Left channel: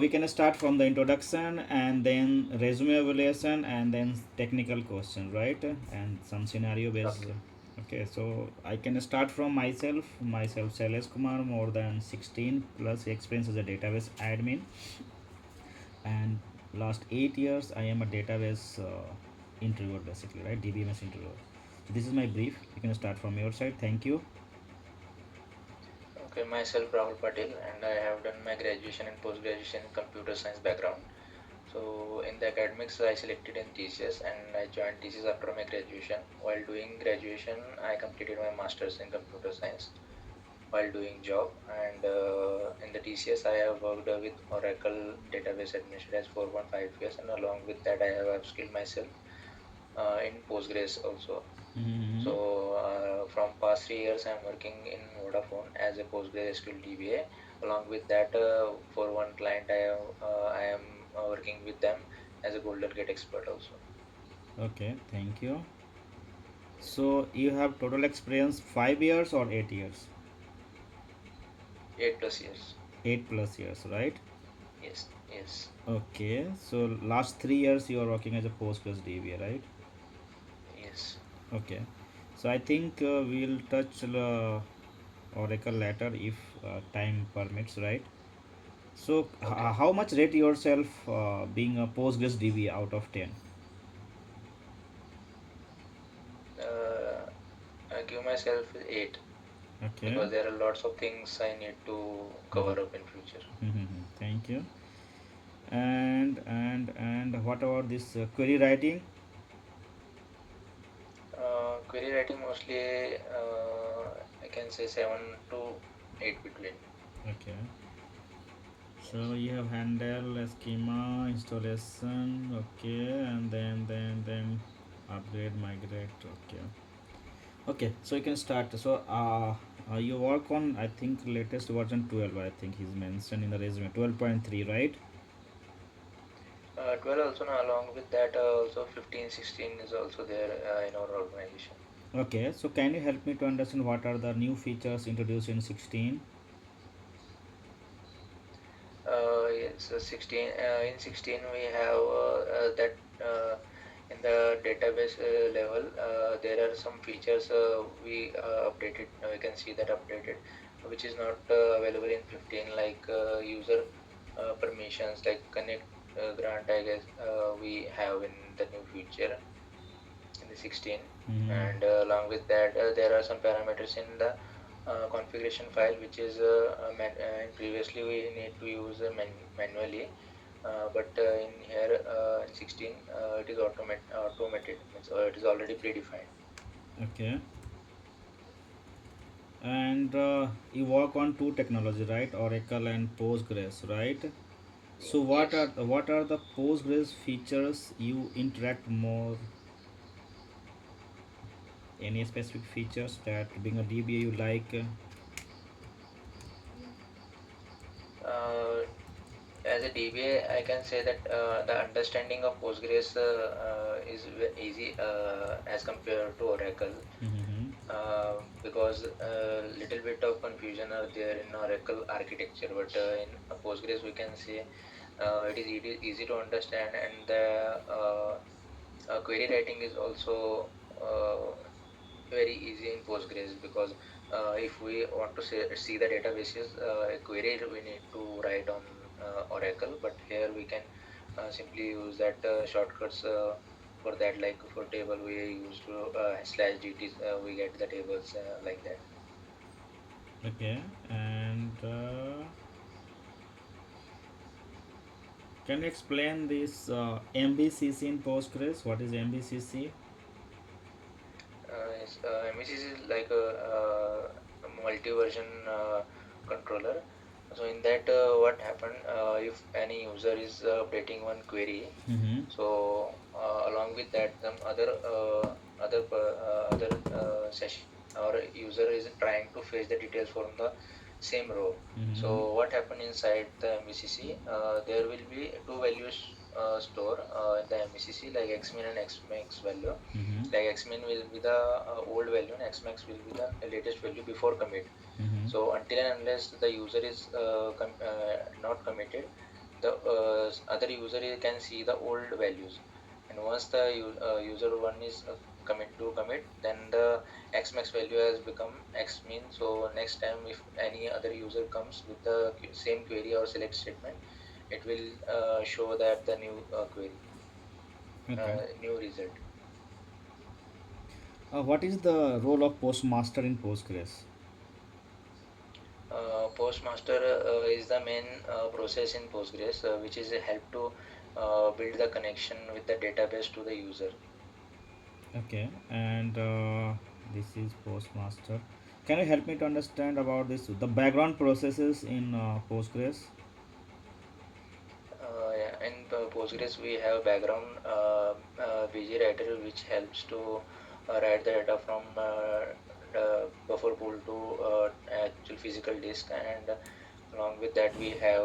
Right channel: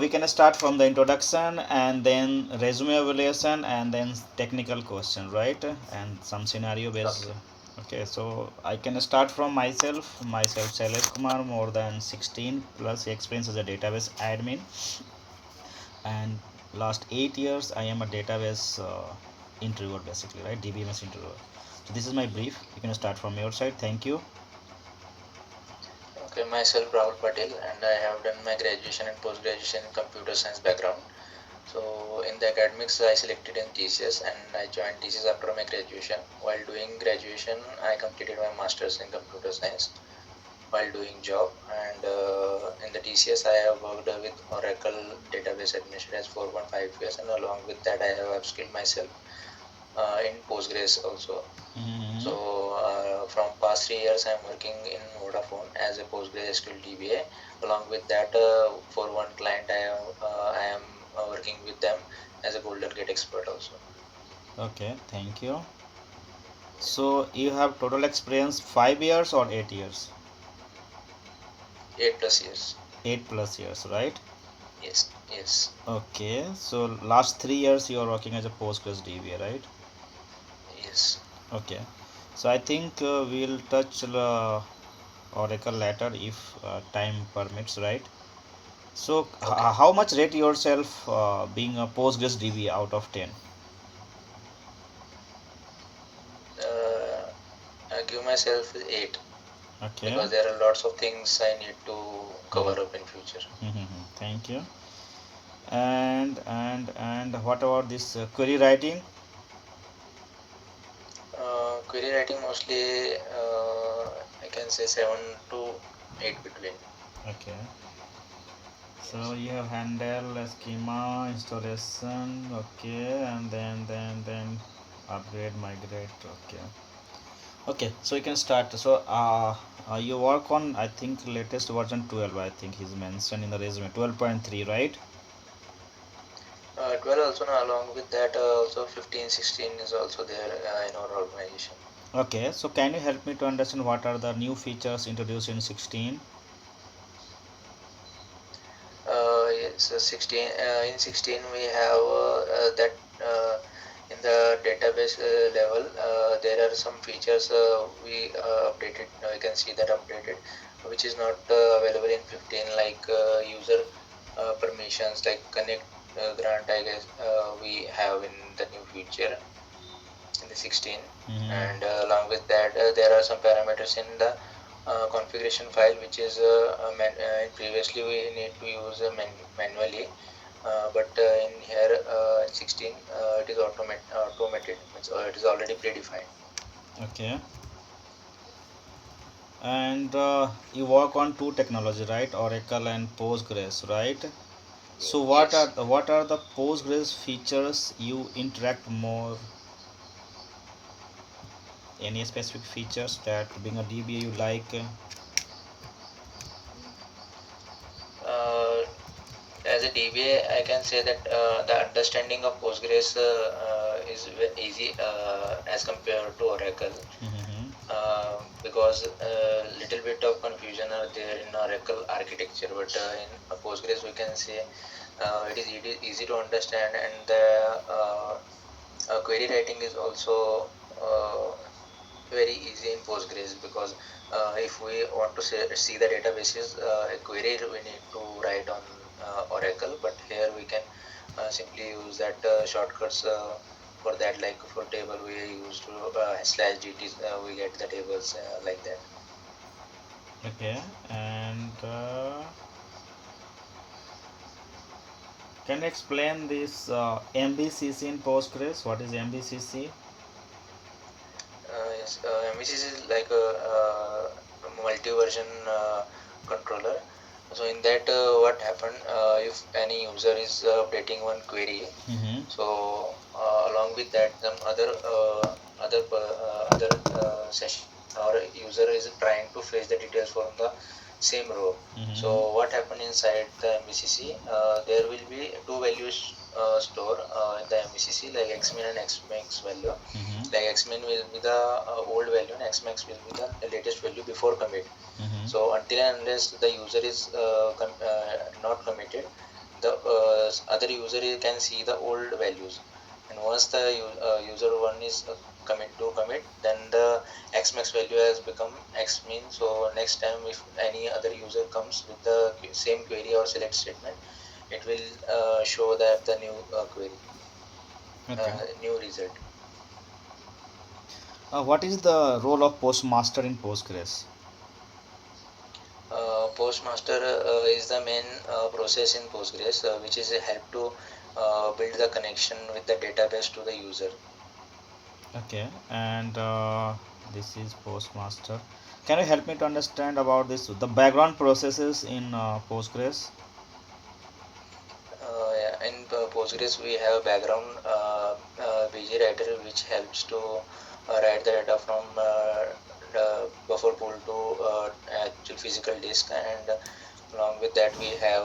We can start from the introduction and then resume evaluation and then technical question, right? And some scenario based. Okay. Okay, so I can start from myself Shailesh Kumar, more than 16 plus experience as a database admin, and last 8 years I am a database interviewer, basically, right? DBMS interviewer. So this is my brief. You can start from your side. Thank you. Okay, myself Rahul Patel, and I have done my graduation and post graduation in computer science background. So in the academics, I selected in TCS, and I joined TCS after my graduation. While doing graduation, I completed my masters in computer science while doing job. And in the TCS, I have worked with Oracle database administrators for 1.5 years, and along with that, I have upskilled myself in Postgres also. Mm-hmm. So from past 3 years, I'm working in Vodafone as a PostgreSQL DBA. Along with that, for one client, I am working with them as a Golden Gate expert also. Okay, thank you. So you have total experience 5 years or 8 years? 8 plus years. 8 plus years, right? Yes, yes, Okay, so last 3 years you are working as a Postgres DBA, right? yes. Okay, so I think we'll touch Oracle later if time permits, right? So Okay. how much rate yourself being a Postgres DBA out of 10? Uh, I give myself 8 Okay. because there are lots of things I need to Mhm. cover up in future. Mhm. Thank you. And what about this query writing? Query writing mostly, I can say 7 to 8 between. Okay. So Yes. you have handle schema installation, okay, and then upgrade, migrate, okay. Okay, so you can start. So you work on, I think, latest version 12. I think he's mentioned in the resume 12.3, right? 12 also, now along with that, also 15, 16 is also there in our organization. Okay, so can you help me to understand what are the new features introduced in 16? Yes, 16, in 16 we have that in the database level, there are some features we updated, we can see that updated, which is not available in 15, like user permissions, like connect grant, I guess we have in the new feature in the 16. Mm-hmm. And along with that, there are some parameters in the configuration file, which is in previously we need to use manually, but in here in 16 it is automated, means it is already predefined. Okay, and you work on two technology, right? Oracle and Postgres, right? So Yes. what are the Postgres features you interact more? Any specific features that being a DBA you like? uh, as a DBA, I can say that the understanding of Postgres is easy as compared to Oracle, Mm-hmm. because little bit of confusion are there in Oracle architecture, but in Postgres we can say it is easy to understand, and the query writing is also very easy in Postgres, because if we want to see the databases, a query we need to write on Oracle, but here we can simply use that shortcuts for that, like for table we use to slash dt, we get the tables like that. Okay, and can you explain this MBCC in Postgres? What is MBCC? Yes, MVCs is like a multi-version controller. So in that, what happen if any user is updating one query, Mm-hmm. so along with that, some other session or user is trying to fetch the details from the same row. Mm-hmm. So what happened inside the MVCC? There will be two values stored in the MVCC, like xmin and xmax value. Mm-hmm. Like xmin will be the old value and xmax will be the latest value before commit. Mm-hmm. So until and unless the user is not committed, the other user can see the old values. And once the user one is commit, then the xmax value has become x min. So next time if any other user comes with the same query or select statement, it will show that the new query, Okay. new result. What is the role of postmaster in Postgres? Postmaster is the main process in Postgres, which is a help to build the connection with the database to the user. Okay, and this is postmaster. Can you help me to understand about this, the background processes in Postgres? Yeah, in Postgres, we have background BG writer, which helps to write the data from the buffer pool to actual physical disk, and along with that, we have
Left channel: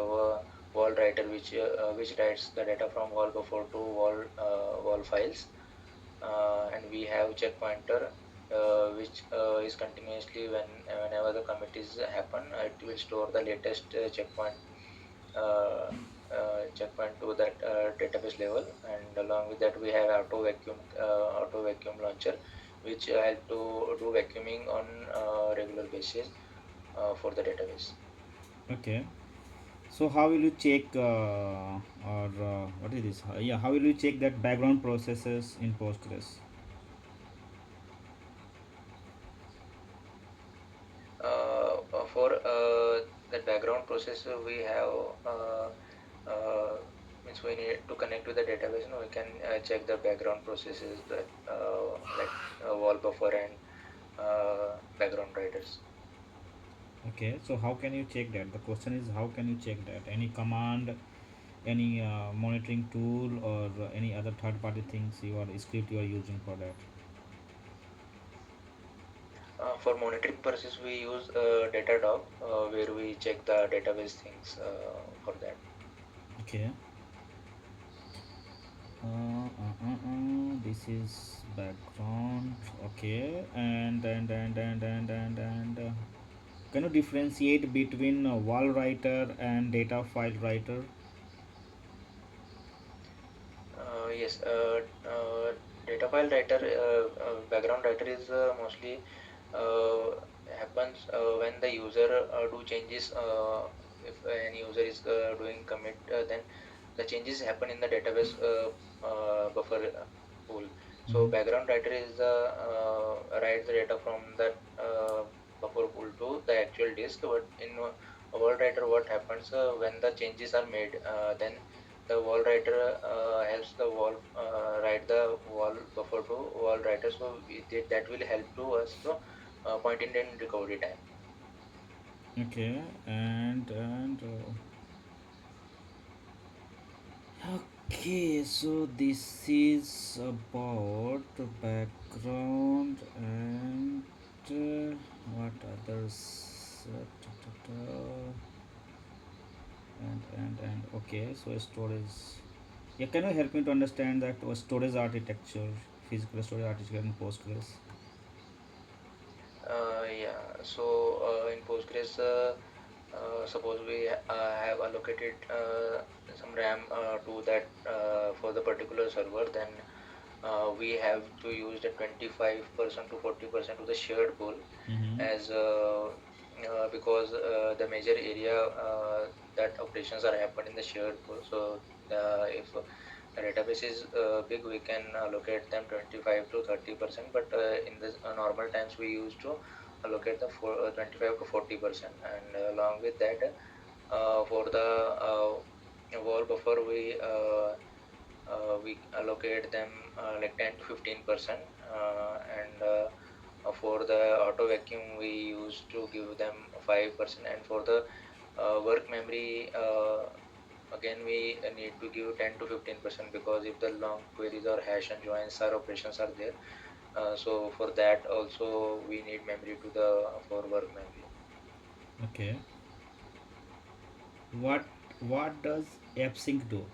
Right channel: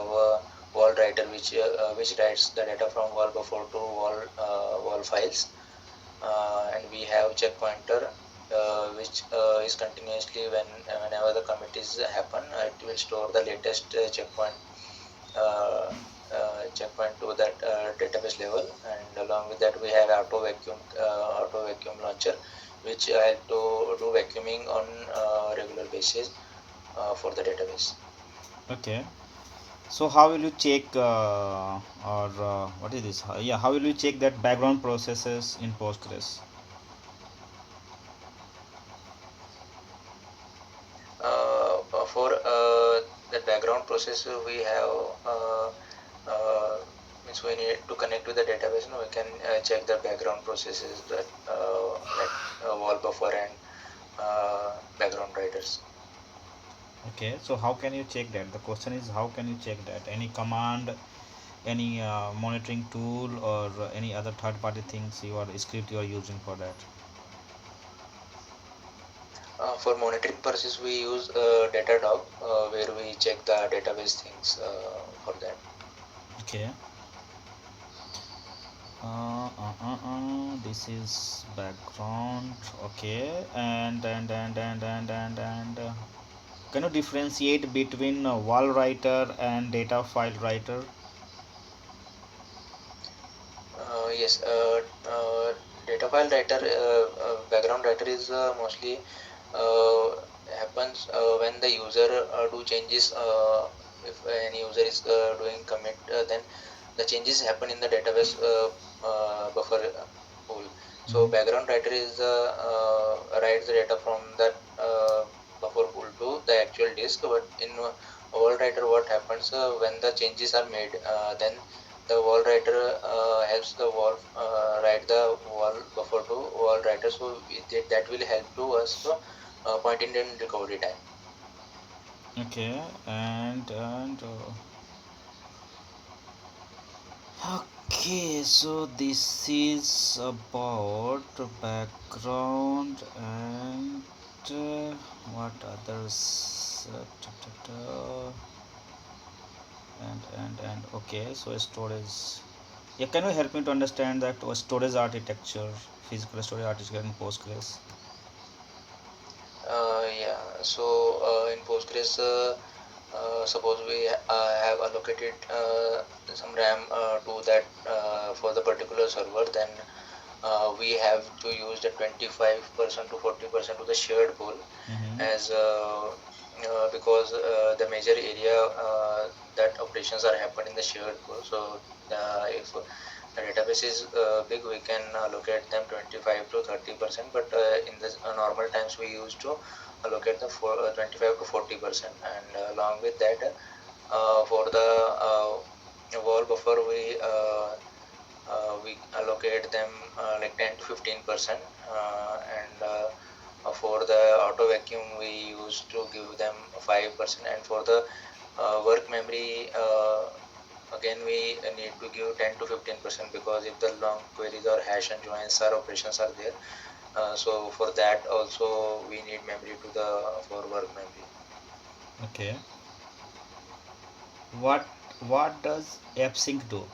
wall writer, which writes the data from wall buffer to wall files, and we have check pointer, which is continuously whenever the commit is happen, it will store the latest uh, checkpoint to that database level. And along with that we have auto vacuum launcher, which help to do vacuuming on regular basis for the database. Okay, so how will you check or what is this? Yeah, how will you check that background processes in Postgres? For the background process, we have uh, means we need to connect to the database, and we can check the background processes, that like wall buffer and background writers. Okay, so how can you check that? The question is, how can you check that? Any command, any monitoring tool, or any other third-party things you are script you are using for that? For monitoring purposes, we use Datadog, where we check the database things for that. Okay. This is background. Okay, and can you differentiate between wall writer and data file writer? Yes, data file writer, background writer is mostly uh, happens when the user do changes. If any user is doing commit, then the changes happen in the database buffer pool. So Mhm. background writer is writes the data from that buffer pool to the actual disk. But in wall writer, what happens when the changes are made, then the wall writer helps the wall write the wall buffer to wall writer. So that will help to us to point in recovery time. Okay, okay, so this is about background and what others? And okay, so storage. Yeah, can you help me to understand that storage architecture, physical storage architecture in Postgres? Yeah, so in Postgres, suppose we have allocated some RAM to that for the particular server, then we have to use the 25% to 40% to the shared pool, Mm-hmm. as because the major area that operations are happening in the shared pool. So if the database is big, we can allocate them 25 to 30%, but in the normal times we used to allocate them for 25 to 40%. And along with that, for the wall buffer, we allocate them like 10 to 15%, and for the auto vacuum we used to give them 5%. And for the work memory, again we need to give 10 to 15%, because if the long queries or hash and joins or operations are there, so for that also we need memory to the for work memory. Okay. What does AppSync do?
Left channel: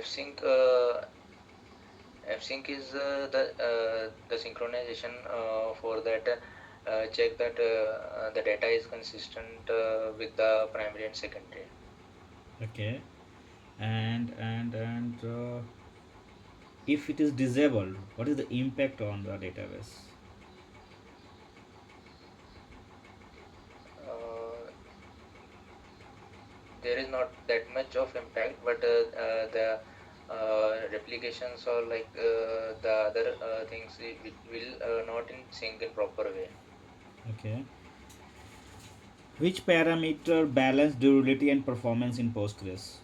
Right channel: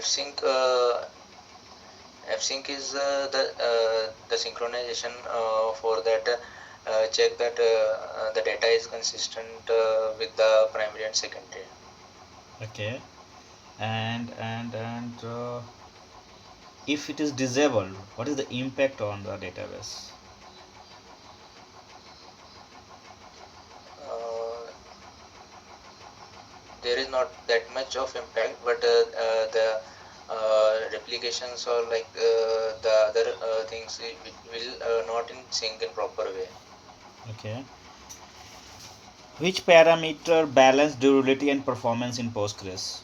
Fsync Fsync is the synchronization for that check that the data is consistent with the primary and secondary. Okay. And if it is disabled, what is the impact on the database? Uh, there is not that much of impact, but the replications or like the other things will not in sync in proper way. Okay. Which parameter balance durability and performance in Postgres?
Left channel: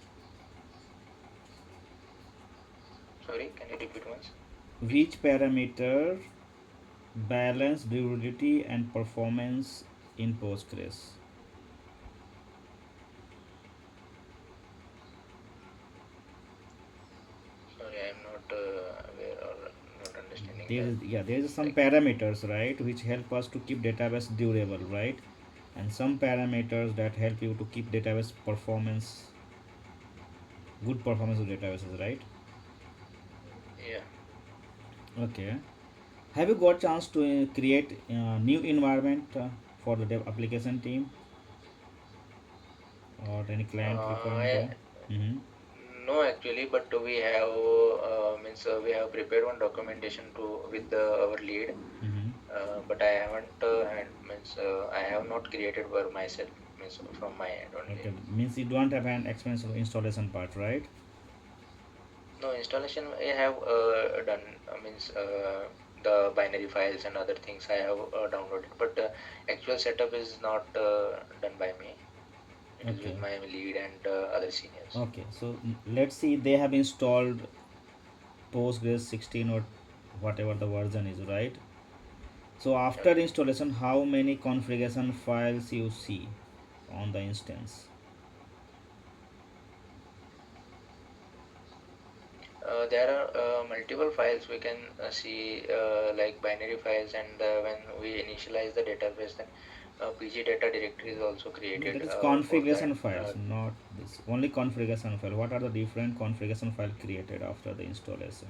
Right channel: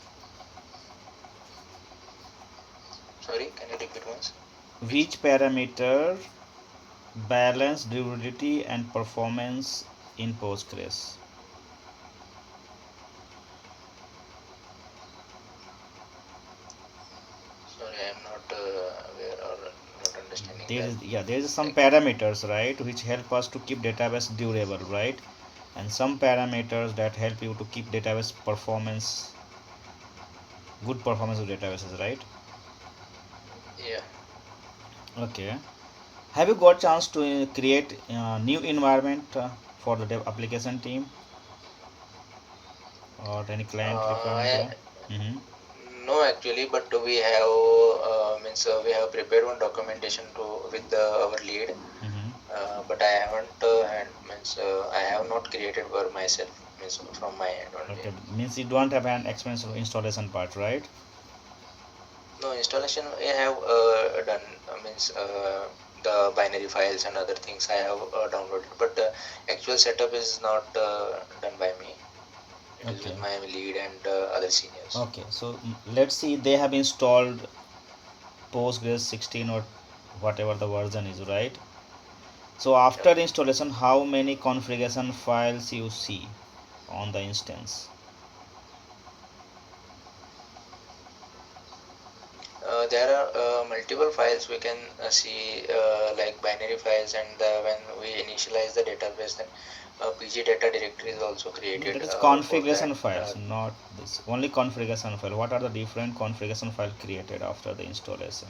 Sorry, can you repeat once? Which? Which parameter balance durability and performance in Postgres? Sorry, I am not aware or not understanding There that. is, yeah, there is some Like, parameters, right, which help us to keep database durable, right? And some parameters that help you to keep database performance, good performance of databases, right? yeah. Okay. Have you got chance to create new environment for the dev application team or any client requirement? I Yeah. Mm-hmm. No, actually, but we have means we have prepared one documentation to with our lead, Mm-hmm. but I haven't had means I have not created for myself means from my end only. Okay, means you don't have an expensive installation part, right? No installation I have done means the binary files and other things I have downloaded, but actual setup is not done by me. It is Okay. with my lead and other seniors. Okay, so let's see, they have installed Postgres 16 or whatever the version is, right? So after Okay. installation, how many configuration files you see on the instance? There are multiple files we can see like binary files, and when we initialize the database, then PG data directory is also No, created that is for that. configuration files, not this. Only configuration file. What are the different configuration file created after the installation?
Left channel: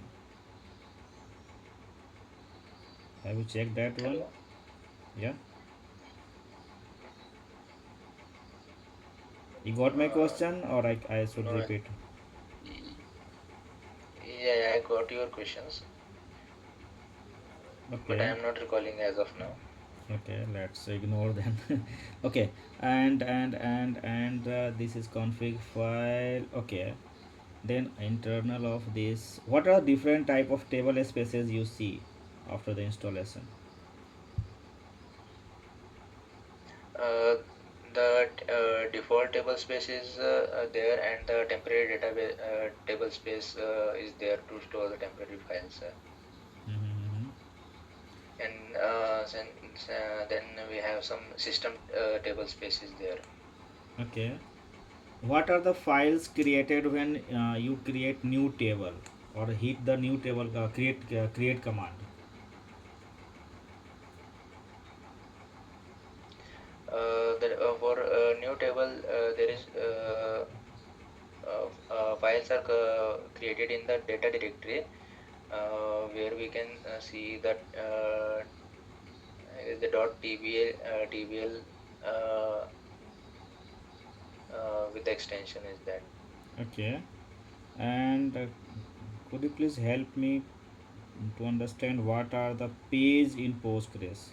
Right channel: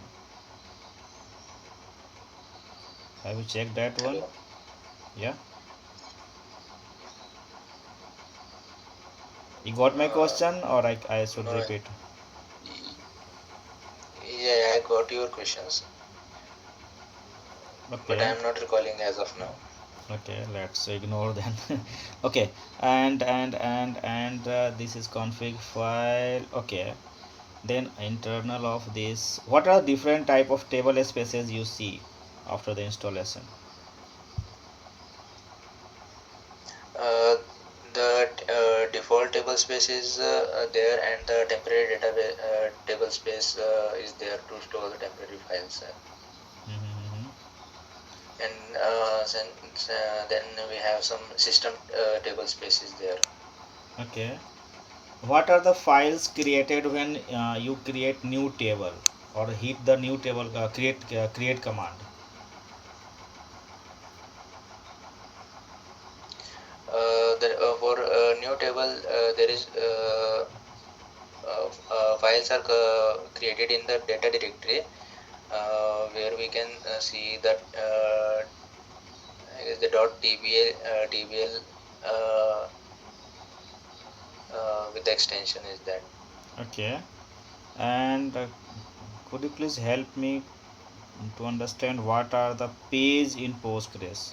Have you checked that one? Hello. Yeah. You got my Uh, question, or I should no, repeat? y- yeah, I got your questions, but I Okay. am not recalling as of now. Okay, let's ignore then. Okay, and this is config file. Okay, then internal of this, what are different type of table spaces you see after the installation? Uh, the default table space is there, and the temporary database table space is there to store the temporary files. Mm-hmm. And then we have some system table spaces there. Okay, what are the files created when you create new table or hit the new table create command? For new table, there is files are created in the data directory where we can see that is the .tbl uh, with the extension is that. Okay, and could you please help me to understand what are the page in Postgres?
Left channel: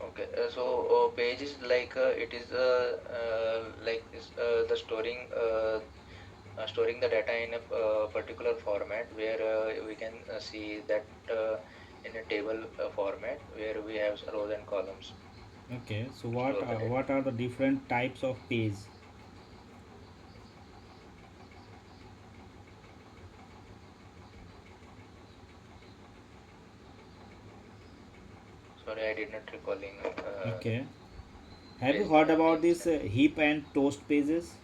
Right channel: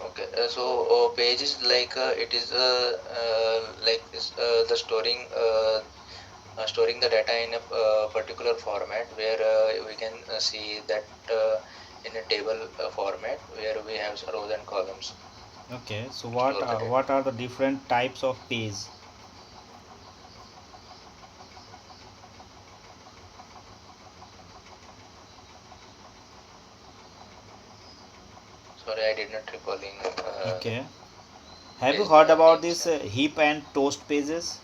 Okay, so page is like it is like the storing the data in a particular format where we can see that in a table format where we have rows and columns Okay, so to store the data. what are the different types of page? Sorry, I did not recalling Okay, have you page heard about names. this heap and toast pages?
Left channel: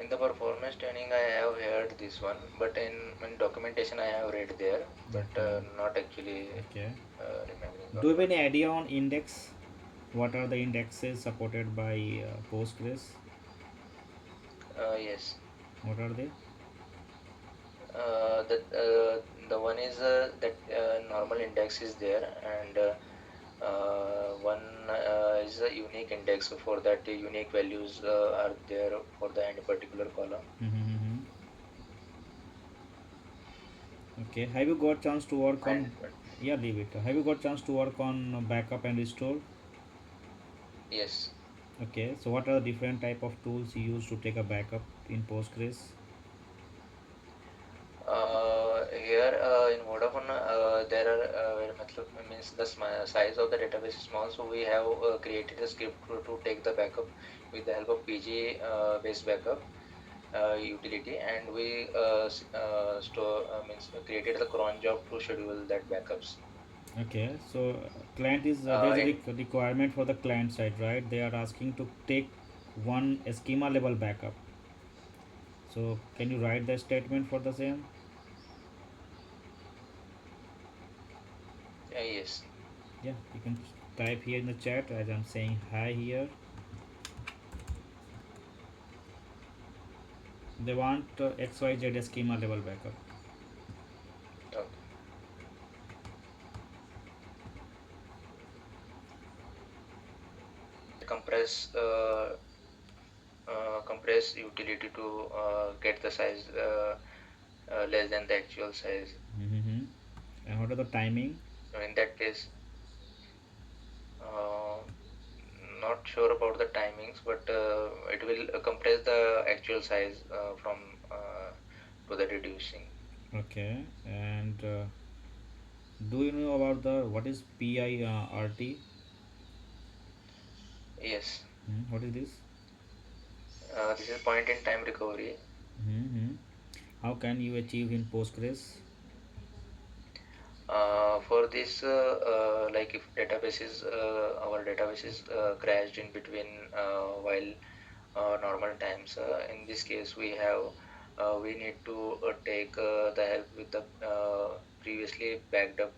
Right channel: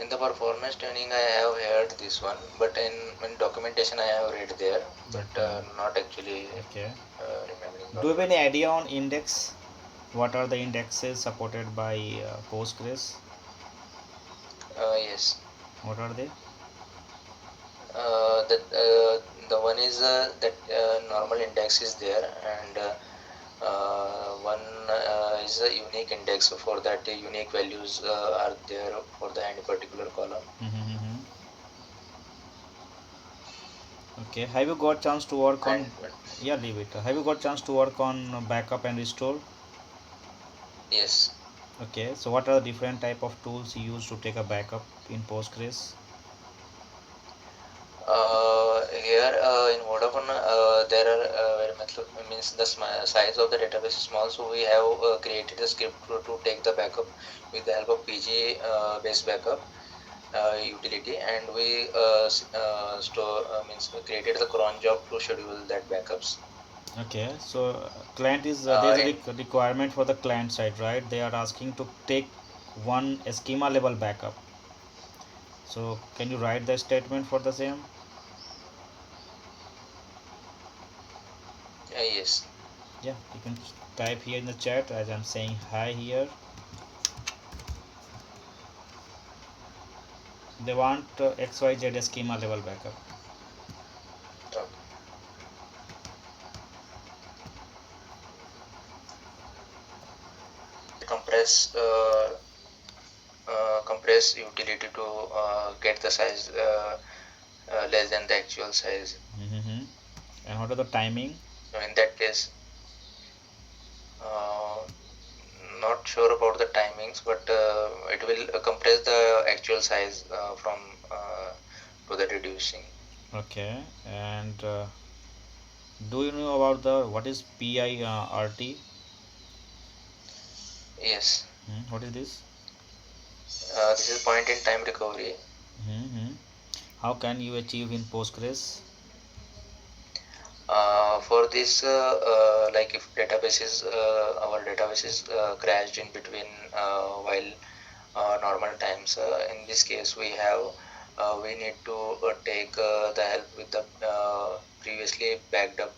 In the performance tuning, I have heard this one, but in documentation, I have read there, but Mhm. not actually Okay, remembering do that you have one. any idea on index? What are the indexes supported by Postgres? Yes. What are they? The one is that normal index is there, and one is a unique index. For that, unique values are there for the any particular column. Mm-hmm. Okay. Have you got chance to work on? And Yeah, leave it. Have you got chance to work on backup and restore? yes, Okay. So what are the different type of tools you use to take a backup in Postgres? here in Vodafone, there are very much means the size of the database is small, so we have created a script to take the backup with the help of PG based backup utility, and we store means we created the cron job to schedule that backups. Okay. So client is there's Uh, a in requirement for the client side, right? They are asking to take one schema level backup. So can you write the statement for the same? yes, Yeah, you can type here in the chat as I'm saying hi here. They want XYZ schema level backup. okay. Compress compress utility to get the size less than the actual size. Mm-hmm. And what are the timing? So in that case, uh, not sure about the timings, but it will compress the actual size from to the reducing. Okay. And do you know about the what is PIRT? Yes, What is this? this is point in time recovery. Mm-hmm. How can you achieve in Postgres? For this, like if database is our database is crashed in between while normal times. In this case, we need to take the help with the previously backed up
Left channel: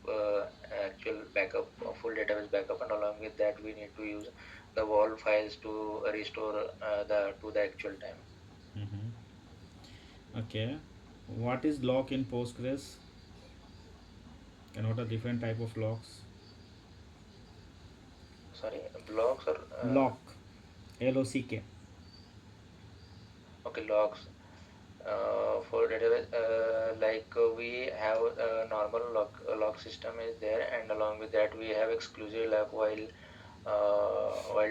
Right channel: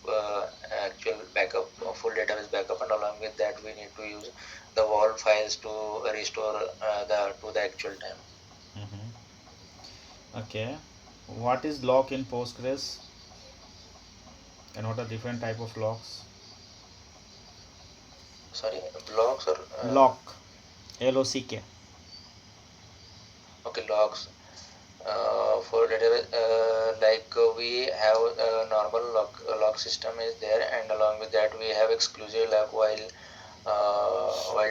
actual backup, full database backup, and along with that, we need to use the WAL files to restore the to the actual time. Mm-hmm. Okay. What is lock in Postgres and what are different type of locks? Sorry, blocks or Lock, LOCK. okay, logs. For database, we have a normal log system is there, and along with that we have exclusive log while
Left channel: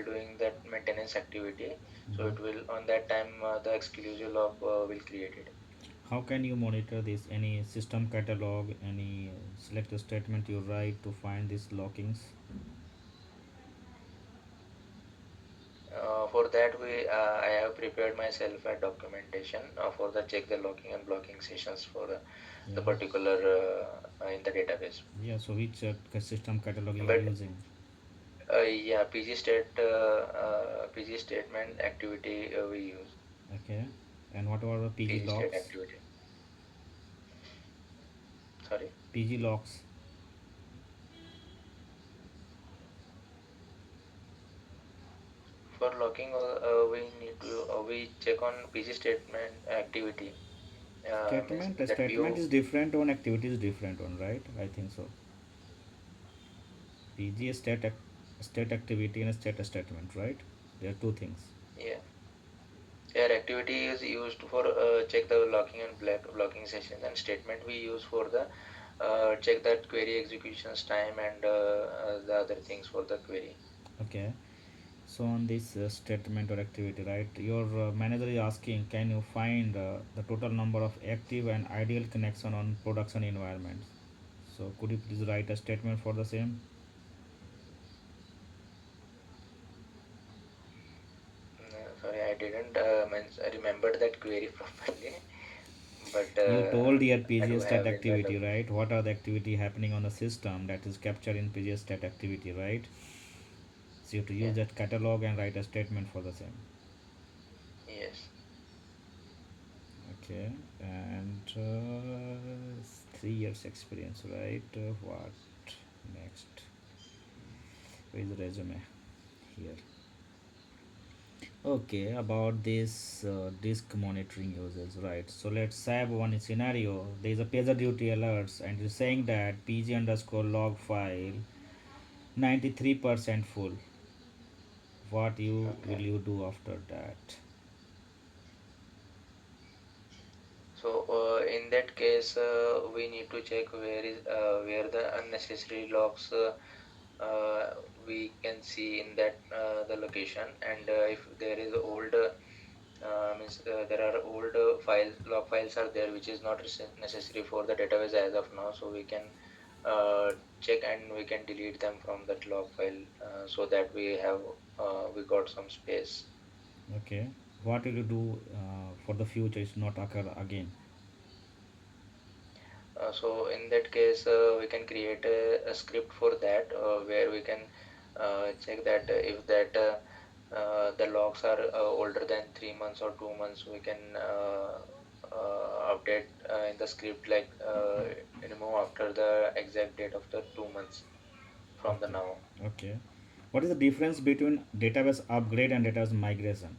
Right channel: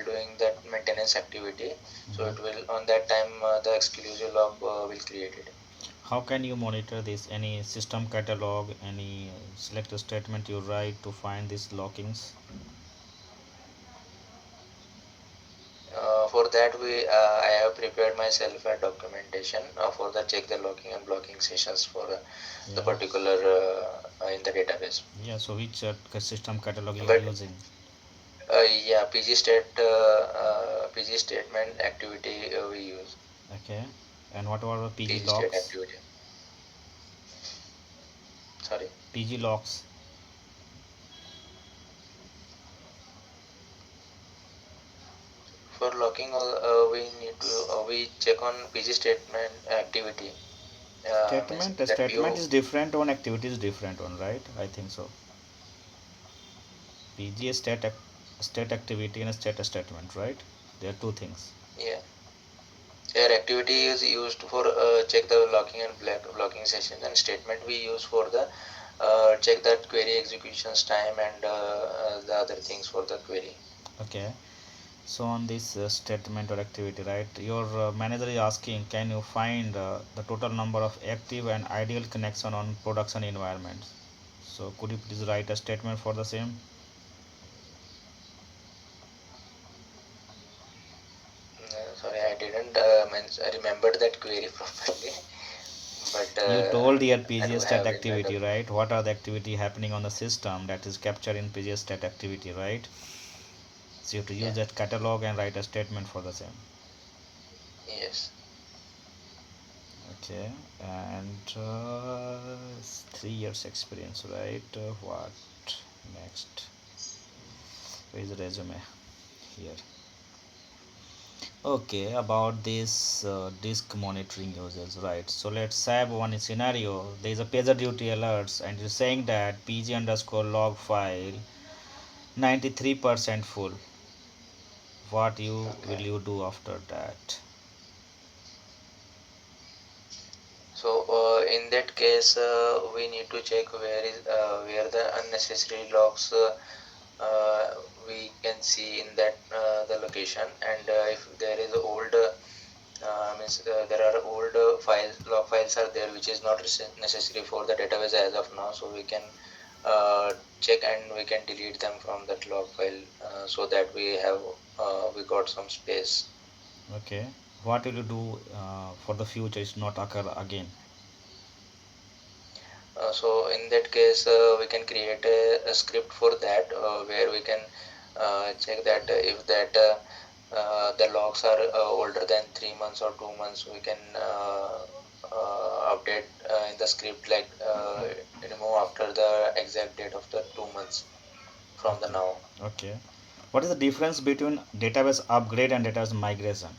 doing that maintenance activity. So Mm-hmm. it will on that time the exclusive log will create it. How can you monitor this? Any system catalog, any select a statement you write to find these lockings? For that I have prepared myself a documentation for the check the locking and blocking sessions for the Yeah. particular in the database. Yeah, so which system catalog you are But using? yeah, PG statement activity we use. Okay. And what about the PG PG state logs? activity. Sorry. PG logs. For logging, we need to we check on PG statement activity. Means Statement. A that statement PO. is different one, activity is different one, right? I think so. PG is state activity and a state statement, right? They are two things. Yeah. Their activity is used for check the logging and blocking sessions, and statement we use for the check that query executions time and the other things for the query. Okay. So on this statement or activity, right? Your manager is asking, can you find the total number of active and ideal connection on production environments? So could you please write a statement for the same? Sorry, I didn't remember that query properly, but You told here I do PGS stat have in the activity, right? What are the activity happening on the system that is captured in PGS stat activity, right? So you have to use yeah, that catalog and write a statement for the same. yes. Okay, and 3 years experience, right? What next? Where is the resume? Here. Okay, about this disk monitoring users, right? So let's have one scenario. There is a pager duty alerts, and you're saying that pg underscore log file 93% full. What you will Okay. you do after that? So in that case, we need to check where the unnecessary logs uh, we can see in that the location, and if there is old means there are old files log files are there which is not necessary for the database as of now, so we can check and we can delete them from that log file, so that we got some space. Okay, what will you do for the future is not occur again? So in that case, we can create a script for that, where we can check that if that the logs are older than 3 months or 2 months, we can update in the script, like remove after the exact date of the 2 months from the Okay, now. okay. What is the difference between database upgrade and database migration?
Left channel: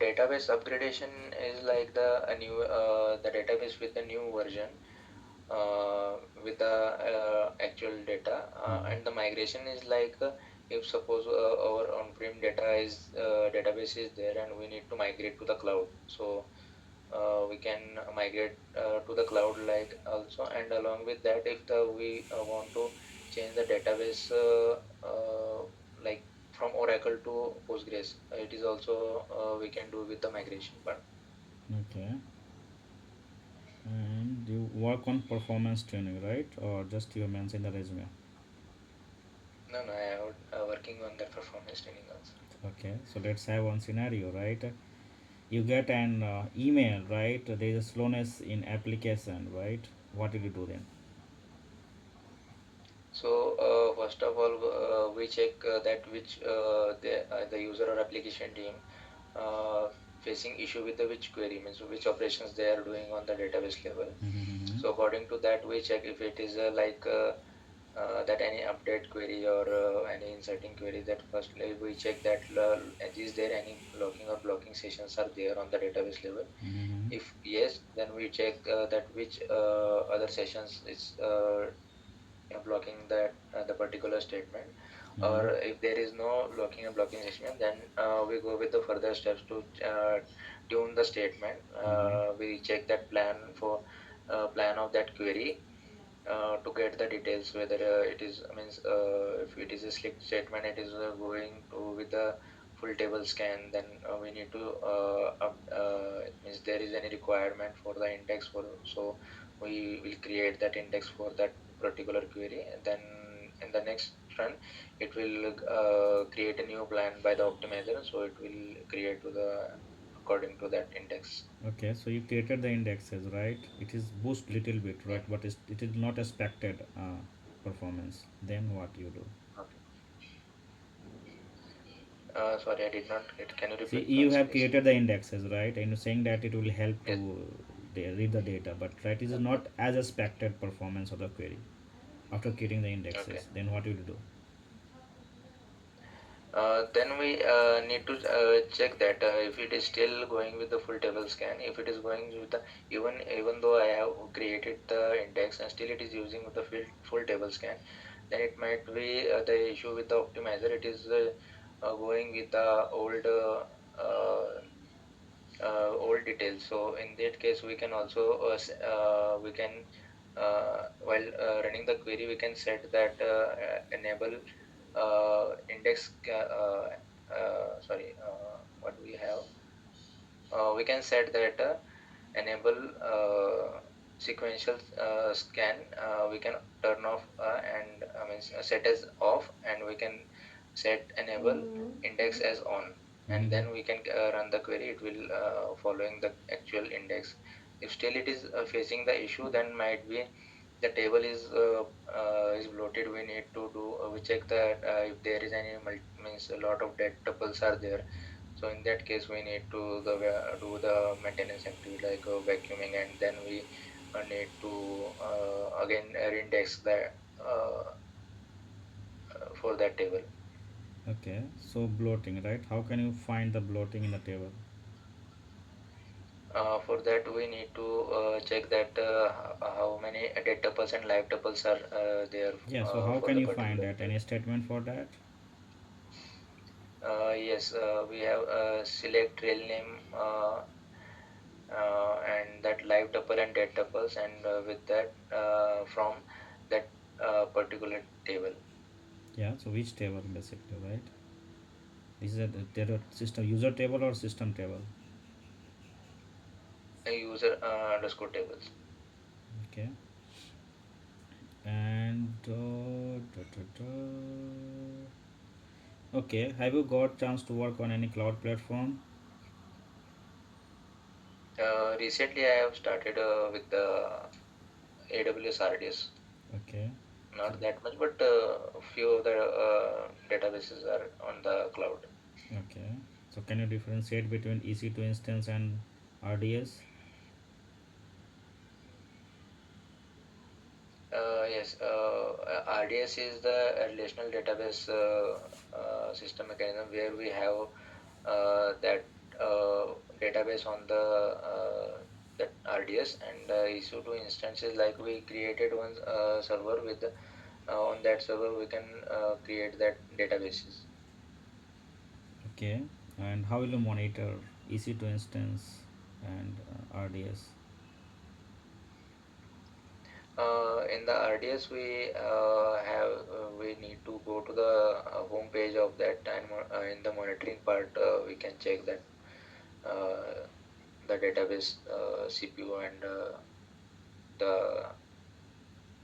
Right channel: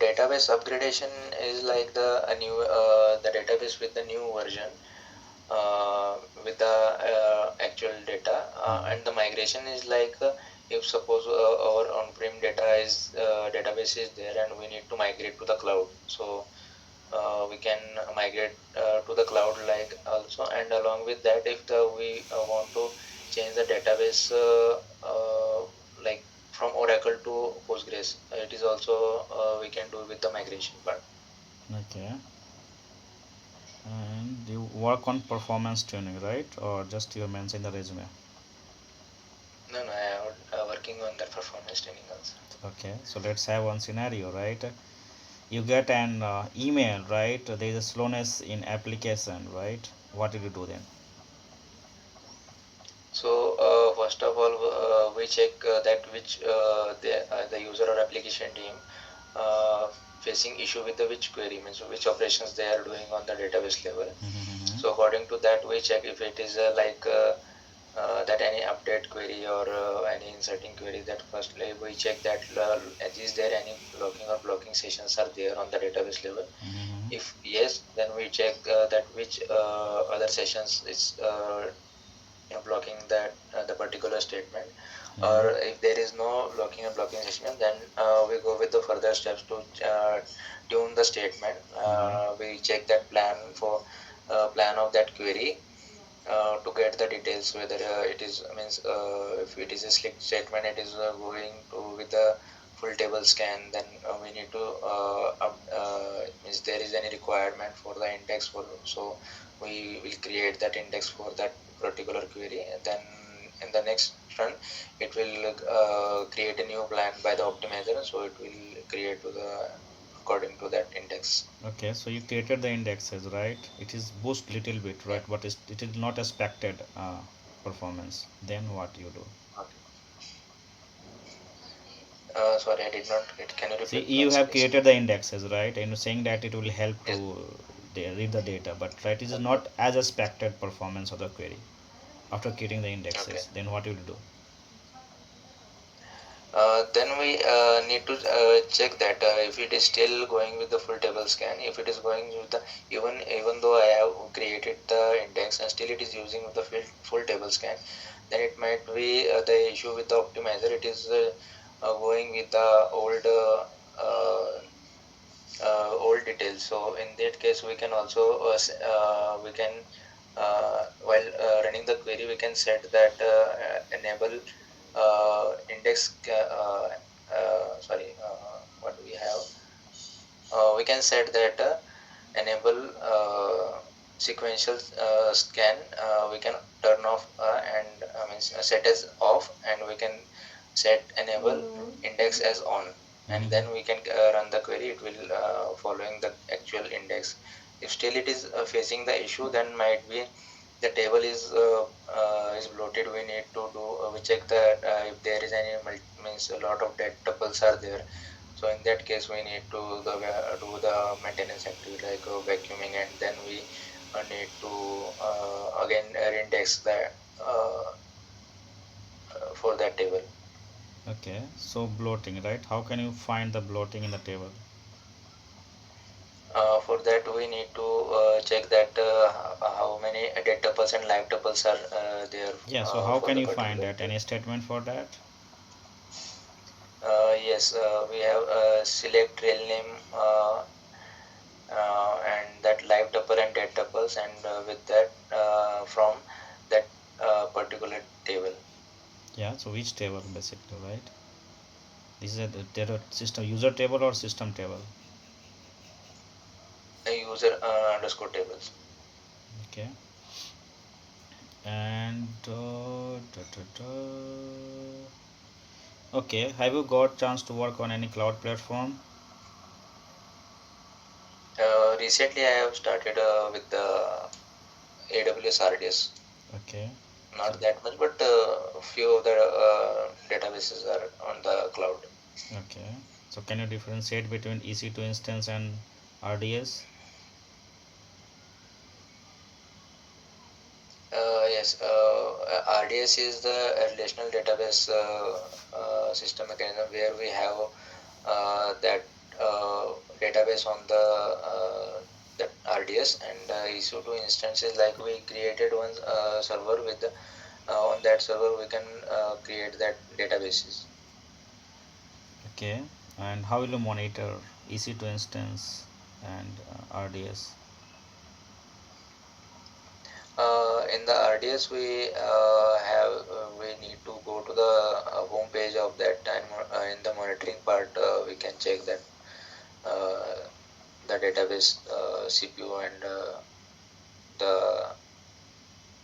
Database upgradation is like the database with the new version, uh, with the actual data, and the migration is like, if suppose our on-prem database is there and we need to migrate to the cloud, so we can migrate to the cloud like also, and along with that, if the we want to change the database, like from Oracle to Postgres, it is also we can do with the migration part. Okay, and you work on performance tuning, right? Or just you mention the resume? No, no, I am working on the performance tuning also. Okay, so let's have one scenario, right? You get an email, right? There is a slowness in application, right? What did you do then? So first of all, we check that which the user or application team uh, facing issue with the which query, means which operations they are doing on the database level. Mm-hmm. So according to that, we check if it is that any update query or any inserting query. That firstly we check that is there any locking or blocking sessions are there on the database level. Mm-hmm. If yes, then we check that which other sessions is blocking that the particular statement, or Mm-hmm. if there is no locking and blocking statement, then we go with the further steps to tune the statement. Mm-hmm. We check that plan of that query, to get the details whether it is means if it is a slick statement, it is going to with the full table scan, then we need to means there is any requirement for the index for, so we will create that index for that particular query, and then in the next run it will create a new plan by the optimizer, so it will create to the according to that index. Okay, so you created the indexes, right? It is boost little bit, Yeah. right? But it is not expected performance. Then what you do? Okay. Sorry, I did not get. Can you See, repeat you once, have please? created the indexes, right? And you're saying that it will help Yes. to read the data, but right, it is not as expected performance of the query after creating the Okay. indexes. Then what will you do? Then we need to check that if it is still going with the full table scan, if it is going with the, even though I have created the index and still it is using with the full table scan, then it might be the issue with the optimizer. It is going with the old details. So in that case, we can also we can while running the query, we can set that enable sorry, what do we have? We can set that enable sequential scan. We can turn off and means set as off, and we can set enable index as on, and Mm-hmm. then we can run the query. It will following the actual index. If still it is facing the issue, then might be the table is bloated. We need to do we check that if there is any means a lot of dead tuples are there. So in that case, we need to do the maintenance activity like vacuuming, and then we need to again index that for that table. Okay, so bloating, right? How can you find the bloating in the table? For that, we need to check that how many dead tuples and live tuples are there Yeah, so how for can the you find particular that? table. Any statement for that? Yes, we have select trail name and that live tuple and dead tuples, and with that from that particular table. Yeah, so which table basically, right? This is a data system user table or system table? User underscore tables. Okay, and okay, have you got chance to work on any cloud platform? Recently, I have started with the AWS RDS. Okay, so Not that much, but a few of the databases are on the cloud. okay, so can you differentiate between EC2 instance and RDS? Yes, RDS is the relational database system mechanism where we have that database on the that RDS, and EC2 instances, like we created one server with on that server we can create that databases. Okay, and how will you monitor EC2 instance and RDS? In the RDS, we need to go to the home page of that, and in the monitoring part, we can check that uh, the database CPU and the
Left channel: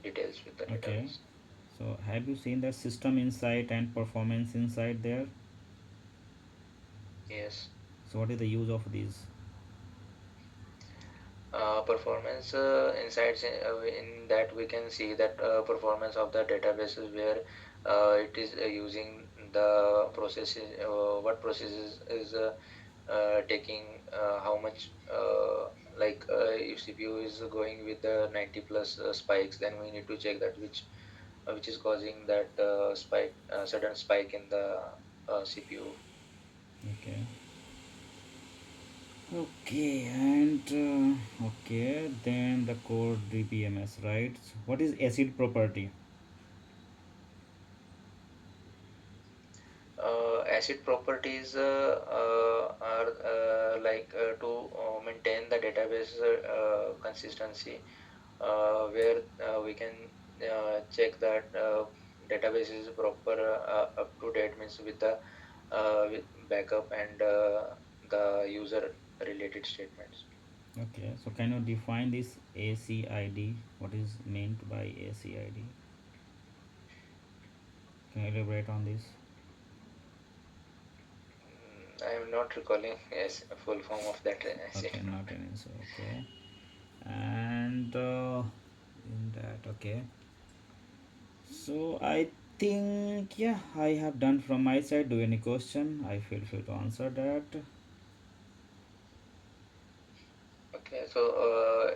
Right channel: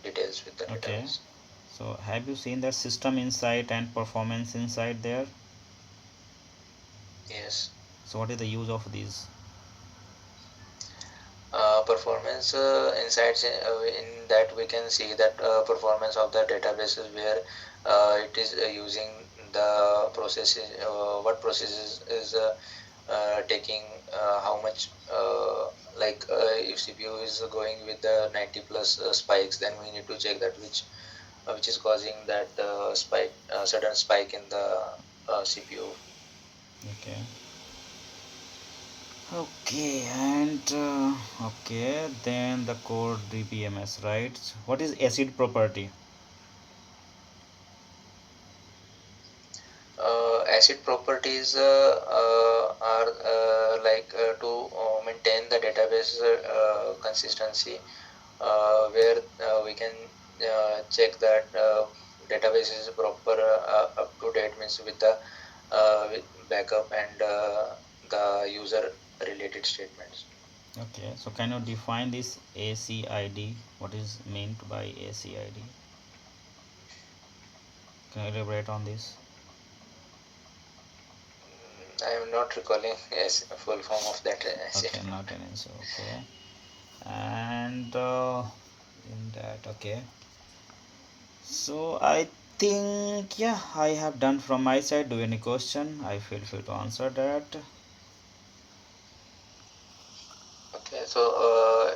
details with the Okay, database. so have you seen the system insight and performance insight there? Yes. So what is the use of these? Performance insights in that we can see that performance of the databases where it is using the processes, what processes is taking how much if CPU is going with the 90 plus spikes, then we need to check that which is causing that spike, sudden spike in the CPU. Okay. Okay, and okay, then the core DBMS, right? What is acid property? Acid properties are to maintain the database consistency, where we can check that database is proper up to date, means with the with backup and the user related statements. Okay, so can you define this ACID? What is meant by ACID? Can you elaborate on this? I am not recalling yes a full form of that acid. Okay, not an answer. Okay, and in that, okay. So I think yeah, I have done from my side. Do you any question? I feel free to answer that. Okay, so